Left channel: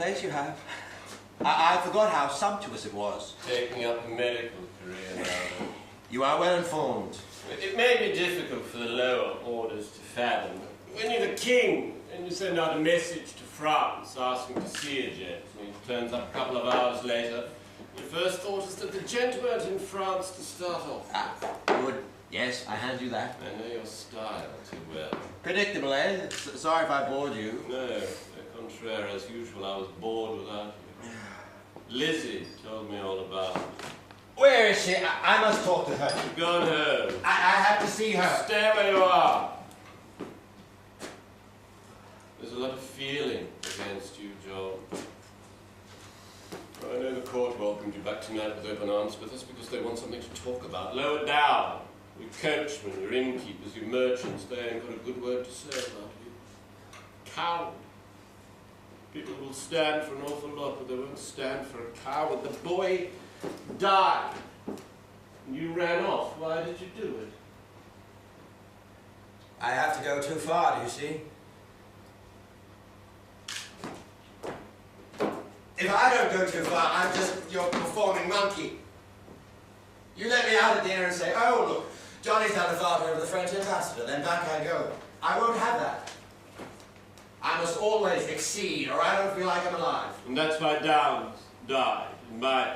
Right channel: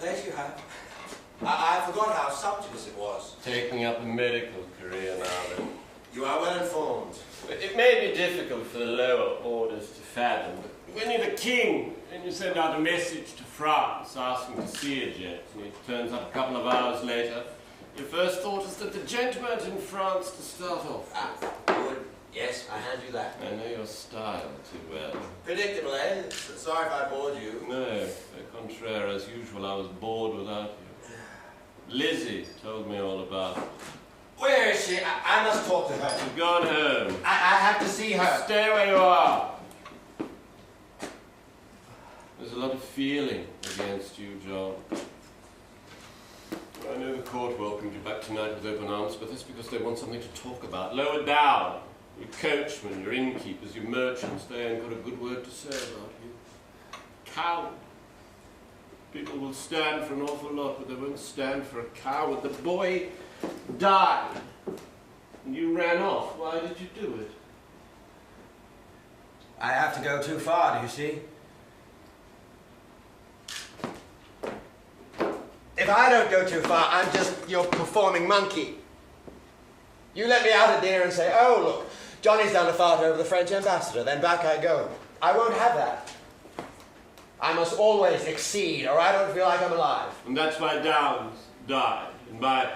plate you have. I forgot how sumptuous it was. Taking up a medical career now, then. You are well informed. It may be difficult for the lower orders to fathom, but when you're the king and you send out a message to France asking to see a gent, and he turns up a couple of hours later, your first thought is that the gent weren't in France to start off with. Good. Yes, I hand you that. I know your style too well. Predictable, eh? Sorry if I bored you. No, au contraire, as usual, I was bored without you. Lizzie told me all about it. Where is she? I must talk to her. You've gone home. I have to see her. Stay where you are. There's a lot of feeling against you, John. I know the court welcomed you back tonight with open arms, but that's because they want something to talk about. Lower down. Your coachmen, your innkeepers, your merchants, they ain't got a good word to say about you. Coward. People will stand for an awful lot, but they won't stand for a coward. The boy died. And you ran off. Why did you do it? I have to go too far, do you see? If I don't go too far, I'm just your performing monkey. You let me out at dinner and say, oh, look, Johnny's done the father over the French ambassador, then back I go. I won't have that. I must always exceed, or I don't feel like I'm alive. And that's why Downes died, and my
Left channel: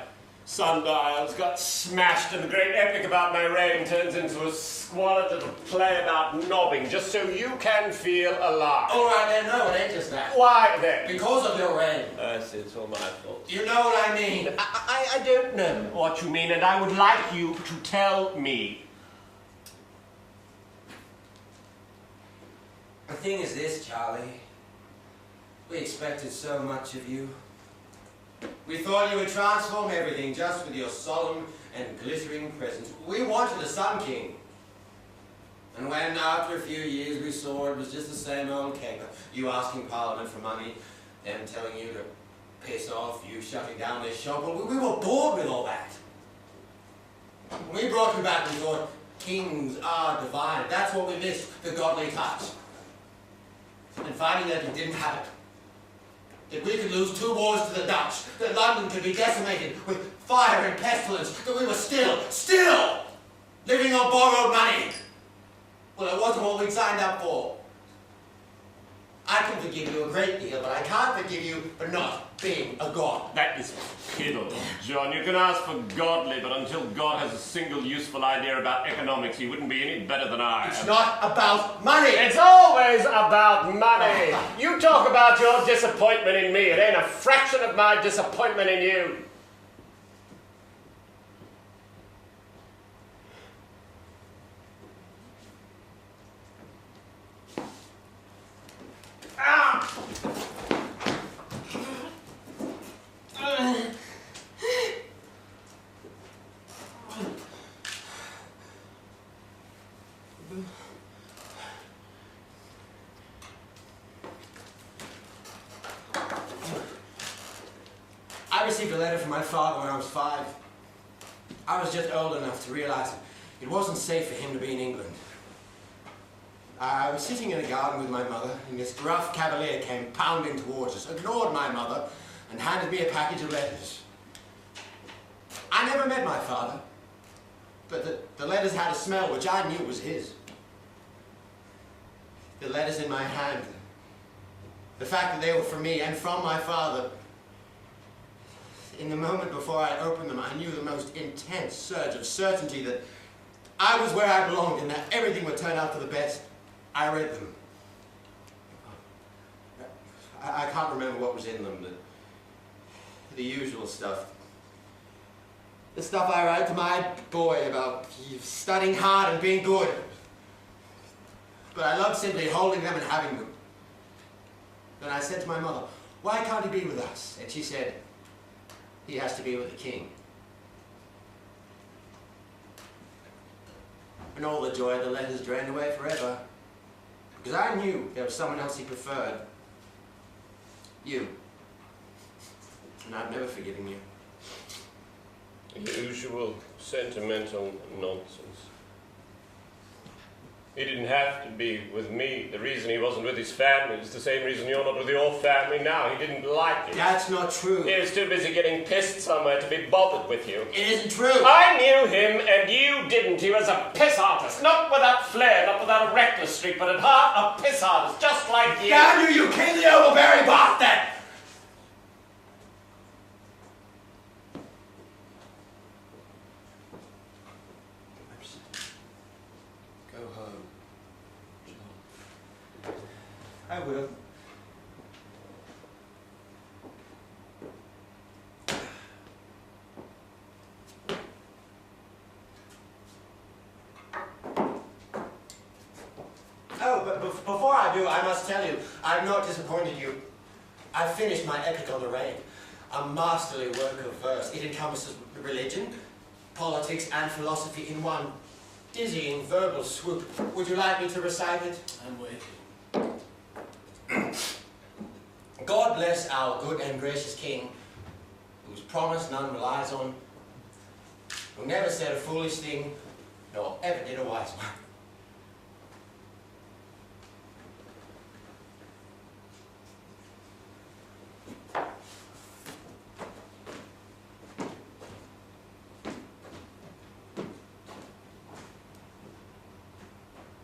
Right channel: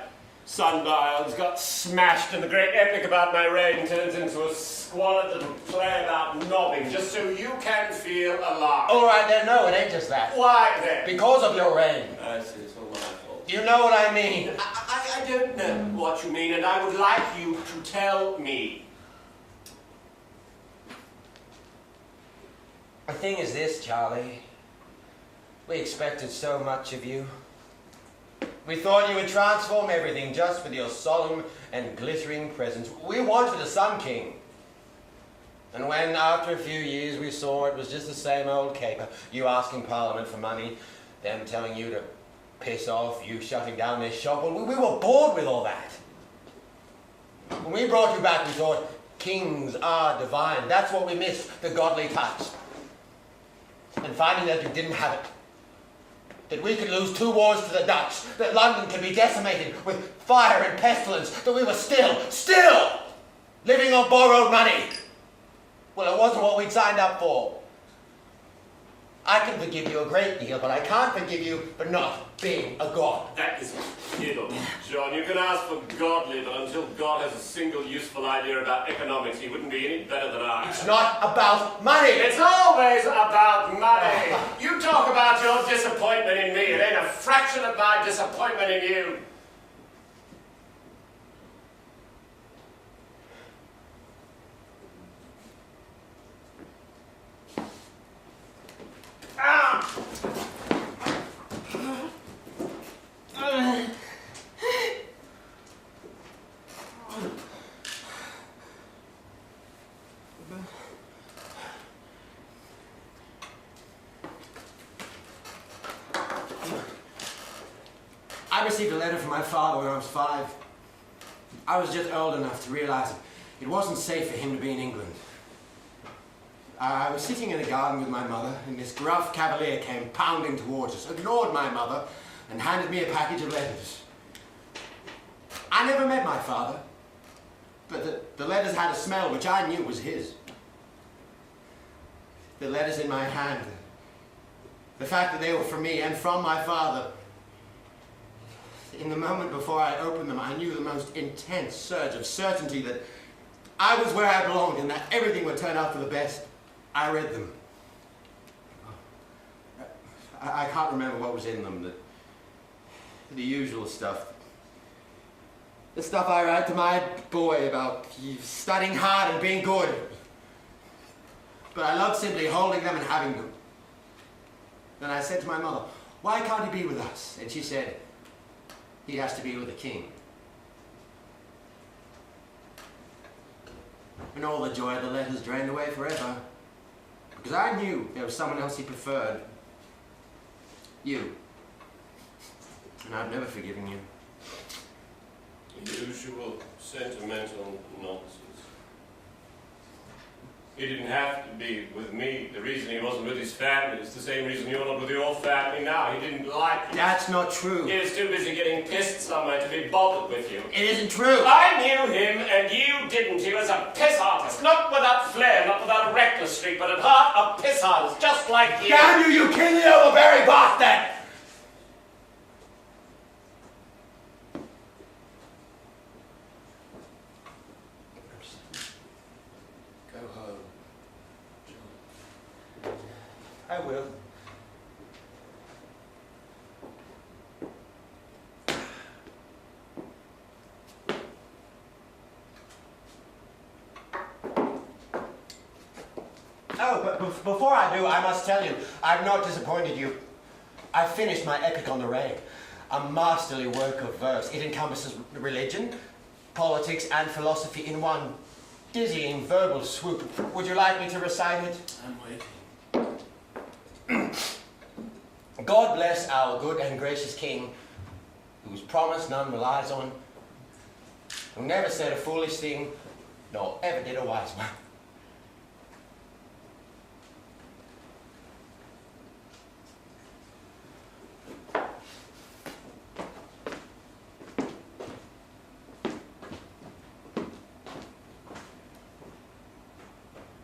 sundials got smashed, and the great epic about my reign turns into a squalid little play about nobbing, just so you can feel alive. All right, then, no, it ain't just that. Why, then? Because of your reign. I see, it's all my fault. You know what I mean. I don't know what you mean, and I would like you to tell me. The thing is this, Charlie. We expected so much of you. We thought you would transform everything just with your solemn and glittering presence. We wanted a Sun King. And when, after a few years, we saw it was just the same old caper, you asking Parliament for money, them telling you to piss off, you shutting down their shop, well, we were bored with all that. When we brought you back, we thought, kings are divine. That's what we missed, the godly touch. And finding that you didn't have it, that we could lose 2 wars to the Dutch, that London could be decimated with fire and pestilence, that we were still living on borrowed money. Well, it wasn't what we'd signed up for. I can forgive you a great deal, but I can't forgive you for not being a god. That is fiddle, John. You can ask for godly, but until God has a single useful idea about economics, he wouldn't be any better than I. It's not about money. It's always about money. You talk about your disappointment in me. It ain't a fraction of my disappointment in you. Ah! I received a letter from my father when I was 5. I was just old enough to realize it wasn't safe for him to be in England. I was sitting in a garden with my mother, and this gruff cavalier came pounding towards us, ignored my mother, and handed me a package of letters. I never met my father, but the letters had a smell which I knew was his. The letters in my hand, the fact that they were from me and from my father. In the moment before I opened them, I knew the most intense surge of certainty that I was where I belonged and that everything would turn out for the best. I read them. I can't remember what was in them, the usual stuff. The stuff I write to my boy about studying hard and being good. But I loved simply holding them and having them. Then I said to my mother, why can't he be with us? And she said, he has to be with the king. And all the joy of the letters drained away forever. Because I knew there was someone else he preferred. You. And I've never forgiven you. Usual sentimental nonsense. He didn't have to be with me. The reason he wasn't with his family is the same reason you're not with your family now. He didn't like you. That's not true. He was too busy getting pissed somewhere to be bothered with you. It isn't true. I knew him and you didn't. He was a piss artist. Not without flair, not without a reckless streak, but at heart a piss artist, just like you. Damn you, you king the overbearing bastard! Go home, John. I will. Oh, but before I do, I must tell you, I've not disappointed you. I've finished my epic on the rain, a masterly work of verse. It encompasses religion, politics, and philosophy in one dizzying verbal swoop. Would you like me to recite it? I'm waiting. God bless our good and gracious King, whose promise none relies on, who never said a foolish thing, nor ever did a wise one.